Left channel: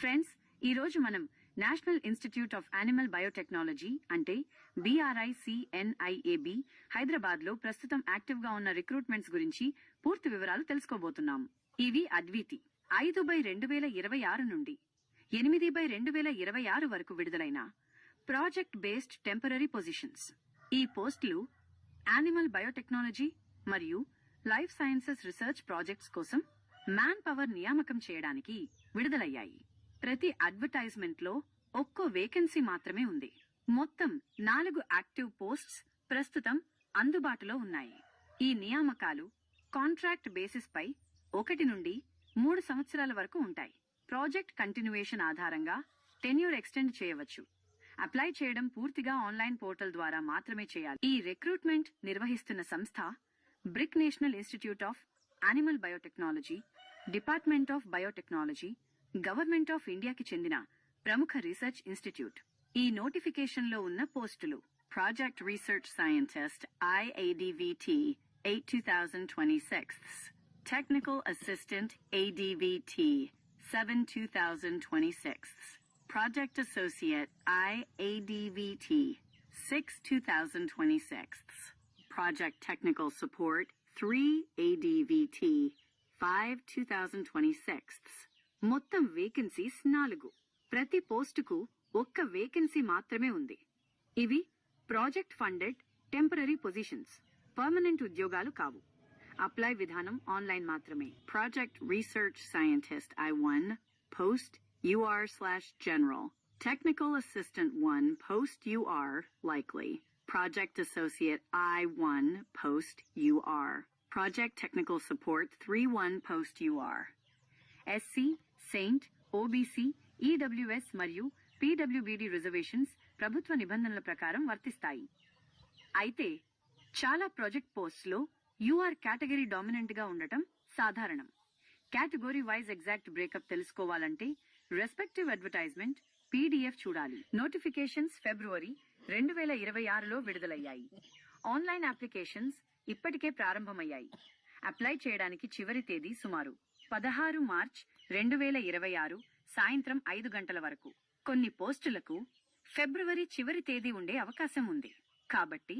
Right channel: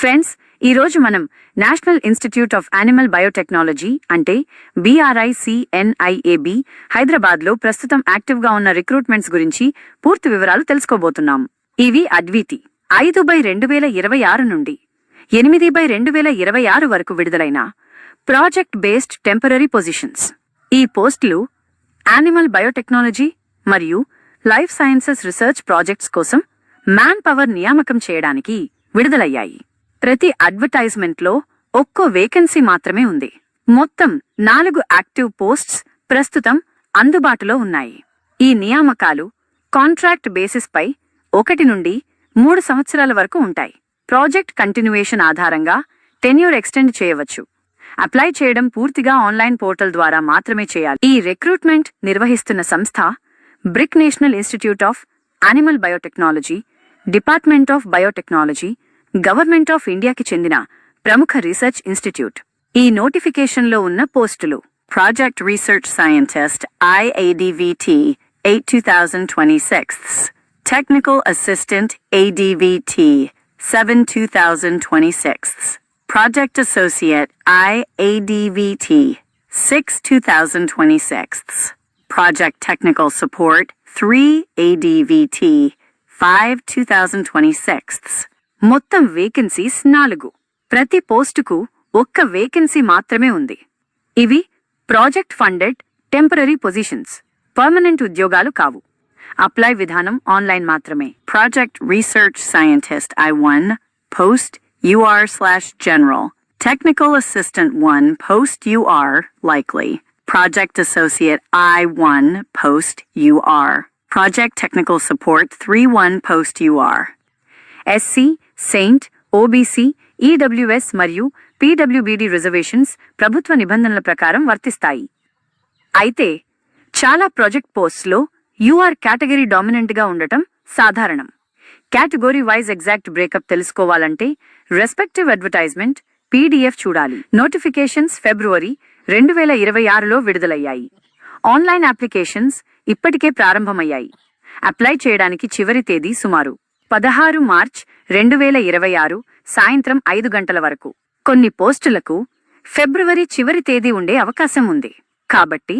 Friends, ఈరోజు మనం national institute of animal biotechnology అంటే BRICNIAB హైదరాబాద్లో ప్రస్తుతం యాక్టివ్గా ఉన్న రిక్రూట్మెంట్స్ గురించి పూర్తి వివరాలు తెలుసుకోబోతున్నాం. ఇవి అద్వితి 5/2026 నుండి 8/2026 వరకు విడుదలైన ప్రాజెక్ట్ బేస్డ్ టెంపరరీ పొజిషన్స్. ఈ పోస్టులు యానిమల్ బయోటెక్నాలజీ మరియు లైఫ్ సైన్సెస్ రీసెర్చ్ ప్రాజెక్ట్స్ కోసం మ్యాన్ పవర్ నియామకం చేయడానికి విడుదలయ్యాయి. ప్రతి అడ్వర్టైజ్మెంట్లో ఒక్కో వేకెన్సీ మాత్రమే ఉంది. మొత్తం 4 యాక్టివ్ పోస్ట్స్ ప్రస్తుతం అందుబాటులో ఉన్నాయి. ఈ నియామకాలు కాంట్రాక్ట్ బేసిస్ పై 1 నుండి 3 సంవత్సరాల వరకు ఉంటాయి. ప్రాజెక్ట్ కంటిన్యూయేషన్ ఆధారంగా టెన్యూర్ ఎక్స్టెండ్ చేయవచ్చు. అప్లై చేయడం పూర్తిగా ఆన్లైన్ పోర్టల్ ద్వారా మాత్రమే చేయాలి. ఈ రిక్రూట్మెంట్ నిర్వహిస్తున్న సంస్థ brick national institute of animal biotechnology, department of biotechnology, government of ఇండియాకి చెందిన ప్రముఖ రీసెర్చ్ ఇన్స్టిట్యూట్. ఈ నోటిఫికేషన్లో ఉన్న పోస్టులు: project research scientist IADVT 8/2026, technical assistant ADVT 7/2026, project associate IADVT 6/2026, project technical support 3 ADVT 5/2026. మొత్తం వేకెన్సీస్ 4. ప్రతి పోస్టుకు 1 వేకెన్సీ మాత్రమే ఉంది. ఇవి project funded temporary positions, permanent ఉద్యోగాలు కావు. అప్లై విధానం ఆన్లైన్ మాత్రమే. Project research scientist I1 post UR/general, technical assistant 1 post UR likely, project associate I1 post UR, project technical support 3/1 post UR. SC, Saint, OBC, EWS మరియు PWBD reservations ప్రభుత్వ నిబంధనల ప్రకారం వర్తిస్తాయి. అయితే చాలా ప్రాజెక్ట్ పోస్ట్స్లో UR కేటగిరీ డామినెంట్గా ఉండటం సాధారణం. కేటగిరీ వైజ్ ఎగ్జాక్ట్ బ్రేకప్ తెలుసుకోవాలంటే రెస్పెక్టివ్ అడ్వర్టైజ్మెంట్ PDF చూడాలి. నోటిఫికేషన్స్ ఫిబ్రవరి 2026లో విడుదలయ్యాయి. ఆన్లైన్ అప్లికేషన్స్ ఇప్పటికే ప్రారంభమయ్యాయి. అప్లై చేయడానికి చివరి తేదీ సుమారు 16 మార్చ్ 2026 సాయంత్రం 5 గంటల వరకు. కొన్ని పోస్టులకు ఫిబ్రవరి చివరి తేదీ ఉండే అవకాశం ఉంది. కాబట్టి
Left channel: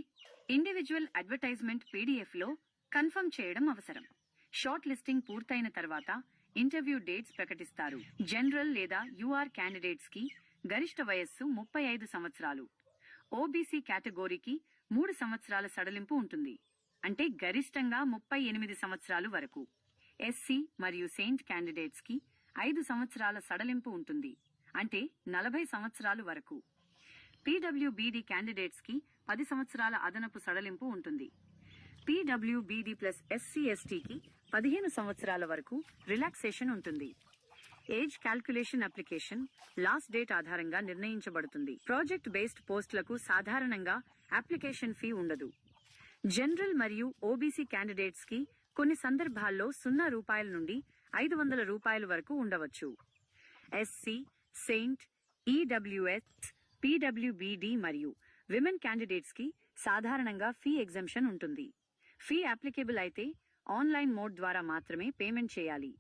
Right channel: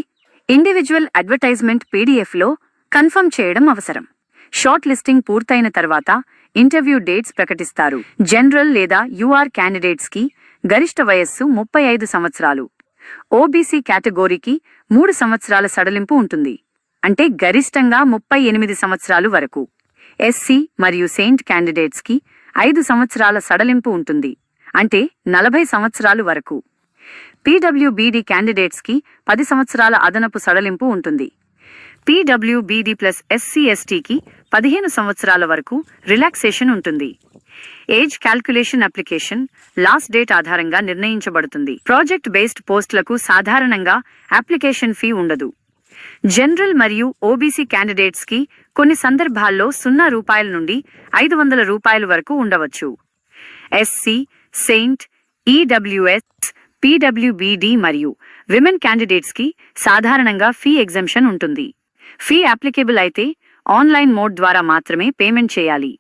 ఇండివిజువల్ అడ్వర్టైజ్మెంట్ PDFలో కన్ఫర్మ్ చేయడం అవసరం. షార్ట్ లిస్టింగ్ పూర్తయిన తర్వాత ఇంటర్వ్యూ డేట్స్ ప్రకటిస్తారు. జనరల్ లేదా UR క్యాండిడేట్స్కి గరిష్ట వయస్సు 35 సంవత్సరాలు. OBC కేటగిరీకి 3 సంవత్సరాల సడలింపు ఉంటుంది, అంటే గరిష్టంగా 38 సంవత్సరాలు వరకు. SC మరియు సెయింట్ క్యాండిడేట్స్కి 5 సంవత్సరాల సడలింపు ఉంటుంది, అంటే 40 సంవత్సరాలు వరకు. PWBD క్యాండిడేట్స్కి 10 సంవత్సరాల అదనపు సడలింపు ఉంటుంది. PWBD ప్లస్ SC/STకి 15 సంవత్సరాల వరకు రిలాక్సేషన్ ఉంటుంది. Age calculation application last date ఆధారంగా నిర్ణయించబడుతుంది. ప్రాజెక్ట్ బేస్డ్ పోస్టులకు సాధారణంగా అప్లికేషన్ ఫీ ఉండదు. జనరల్ మరియు OBC క్యాండిడేట్స్కి కొన్ని సందర్భాల్లో ₹0 నుండి ₹500 వరకు ఉండవచ్చు. SC, సెయింట్, EWS, PWBD మరియు విమెన్ క్యాండిడేట్స్కి సాధారణంగా ఫీ ఎగ్జంప్షన్ ఉంటుంది. ఫీ అప్లికేబుల్ అయితే ఆన్లైన్ మోడ్ ద్వారా మాత్రమే పేమెంట్ చేయాలి.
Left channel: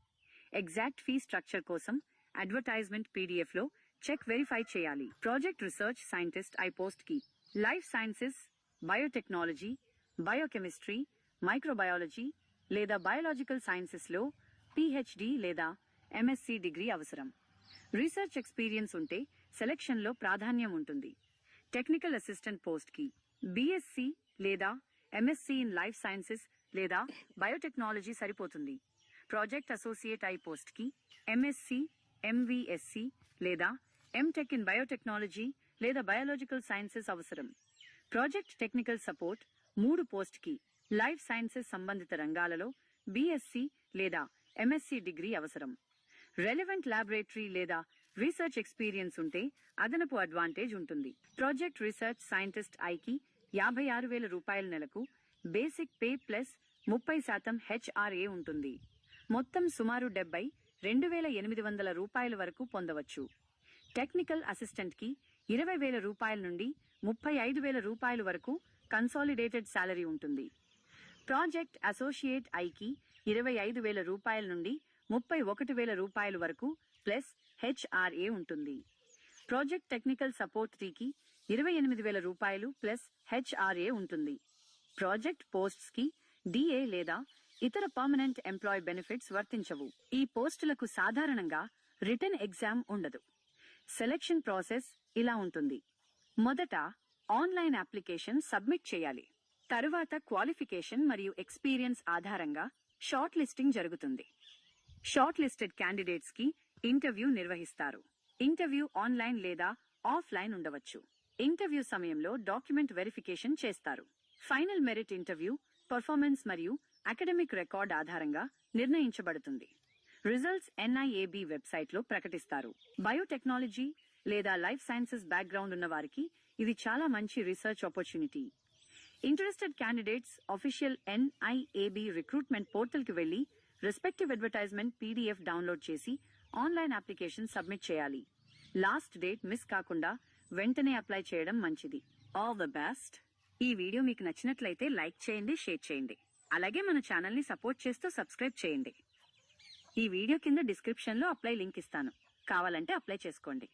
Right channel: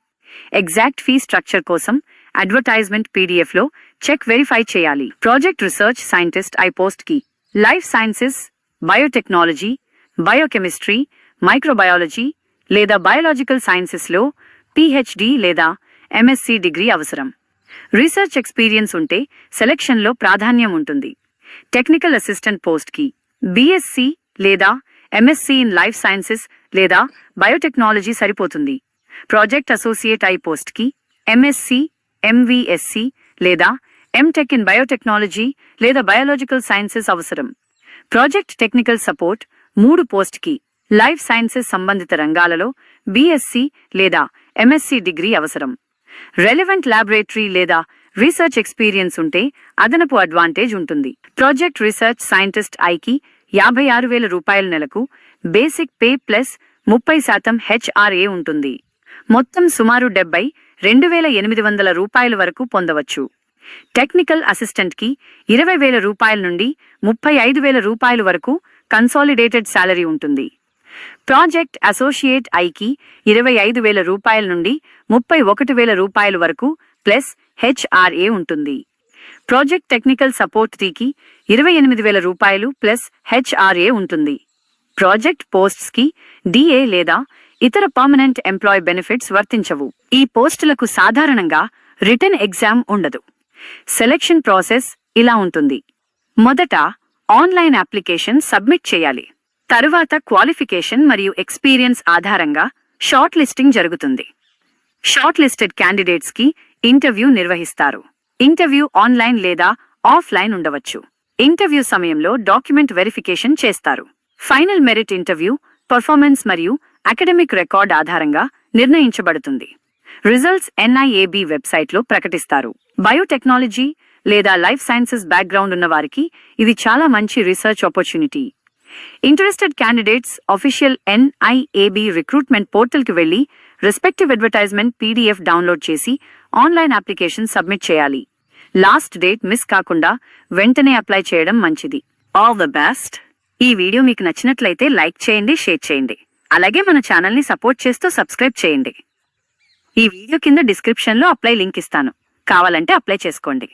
ఎగ్జాక్ట్ ఫీ స్ట్రక్చర్ కోసం అడ్వర్టైజ్మెంట్ PDFలో చెక్ వెరిఫై చేయాలి. ప్రాజెక్ట్ రీసెర్చ్ సైంటిస్ట్ I పోస్ట్కి life sciences, biotechnology, biochemistry, microbiology లేదా బయోలాజికల్ సైన్సెస్లో PhD లేదా MSc డిగ్రీ అవసరం. రీసెర్చ్ ఎక్స్పీరియన్స్ ఉంటే సెలెక్షన్లో ప్రాధాన్యం ఉంటుంది. టెక్నికల్ అసిస్టెంట్ పోస్ట్కి BSc లేదా MSc ఇన్ లైఫ్ సైన్సెస్ లేదా బయోటెక్నాలజీ సరిపోతుంది. ప్రాజెక్ట్ అసోసియేట్ I పోస్ట్కి MSc, MVSc లేదా MTech ఇన్ బయోటెక్నాలజీ లేదా బయోలాజికల్ సైన్సెస్ అవసరం. ప్రాజెక్ట్ టెక్నికల్ సపోర్ట్ 3 పోస్ట్కి లైఫ్ సైన్సెస్ సంబంధిత రంగాలలో BSc లేదా MSc డిగ్రీ అవసరం. రెలెవెంట్ ల్యాబొరేటరీ లేదా రీసెర్చ్ ఎక్స్పీరియన్స్ ఉంటే అదనపు అడ్వాంటేజ్ ఉంటుంది. ప్రాజెక్ట్ రీసెర్చ్ సైంటిస్ట్ Iకి ₹56,000 నెలకు, బేసిక్ పే ప్లస్ 30% HRA ఉంటుంది. మొత్తం సుమారు ₹72,800 వరకు పొందవచ్చు. టెక్నికల్ అసిస్టెంట్కి ₹20,000 నుండి ₹35,000 వరకు కన్సాలిడేటెడ్ శాలరీ ఉంటుంది. ప్రాజెక్ట్ అసోసియేట్ ఐకి ₹25,000 నుండి ₹31,000 వరకు ప్లస్ హెచ్ఆర్ఏ ఉంటుంది. ప్రాజెక్ట్ టెక్నికల్ సపోర్ట్ 3కి 28,000 రూపాయలు ప్లస్ హెచ్ఆర్ఏ ఉంటుంది. ప్రాజెక్ట్ పోస్ట్స్కి డిఏ లేదా ఇతర పర్మనెంట్ ఎంప్లాయ్ బెనిఫిట్స్ వర్తించవు. ఈ పోస్టులకు సాధారణంగా రిటన్ ఎగ్జామ్ ఉండదు. సెలెక్షన్ ప్రాసెస్ ఇలా ఉంటుంది. మొదట ఆన్లైన్ అప్లికేషన్ సబ్మిట్ చేయాలి. తరువాత క్వాలిఫికేషన్ మరియు ఎక్స్పీరియన్స్ ఆధారంగా షార్ట్ లిస్టింగ్ జరుగుతుంది. షార్ట్ లిస్టెడ్ క్యాండిడేట్స్కి ఇంటర్వ్యూ నిర్వహిస్తారు. ఇంటర్వ్యూ ఆన్లైన్ లేదా ఆఫ్లైన్ ఉండవచ్చు. ఇంటర్వ్యూ సమయంలో డాక్యుమెంట్ వెరిఫికేషన్ చేస్తారు. ఫైనల్ మెరిట్ ఇంటర్వ్యూ పర్ఫార్మెన్స్ మరియు అకాడమిక్ రికార్డ్ ఆధారంగా నిర్ణయించబడుతుంది. రిజల్ట్స్ ఎన్ఐఏబి వెబ్సైట్లో ప్రకటిస్తారు. బయోటెక్నాలజీ లేదా లైఫ్ సైన్సెస్ బ్యాక్గ్రౌండ్ ఉన్న వారికి ఇది చాలా మంచి research opportunity. Interested candidates official NIAB recruitment పోర్టల్కి వెళ్లి రెస్పెక్టివ్ అడ్వర్టైజ్మెంట్ పీడీఎఫ్ డౌన్లోడ్ చేసి ఆన్లైన్ అప్లికేషన్ సబ్మిట్ చేయాలి. లాస్ట్ డేట్ మిస్ కాకుండా వెంటనే అప్లై చేయడం మంచిది. All the best. ఈ వీడియో మీకు నచ్చినట్లయితే లైక్ చేయండి, షేర్ చేయండి. అలాగే మన ఛానల్ని సపోర్ట్ చేస్తూ సబ్స్క్రైబ్ చేయండి. ఈ వీడియో కింద డిస్క్రిప్షన్లో అప్లై లింక్ ఇస్తాను. కావాలంటే అప్లై చేసుకోండి.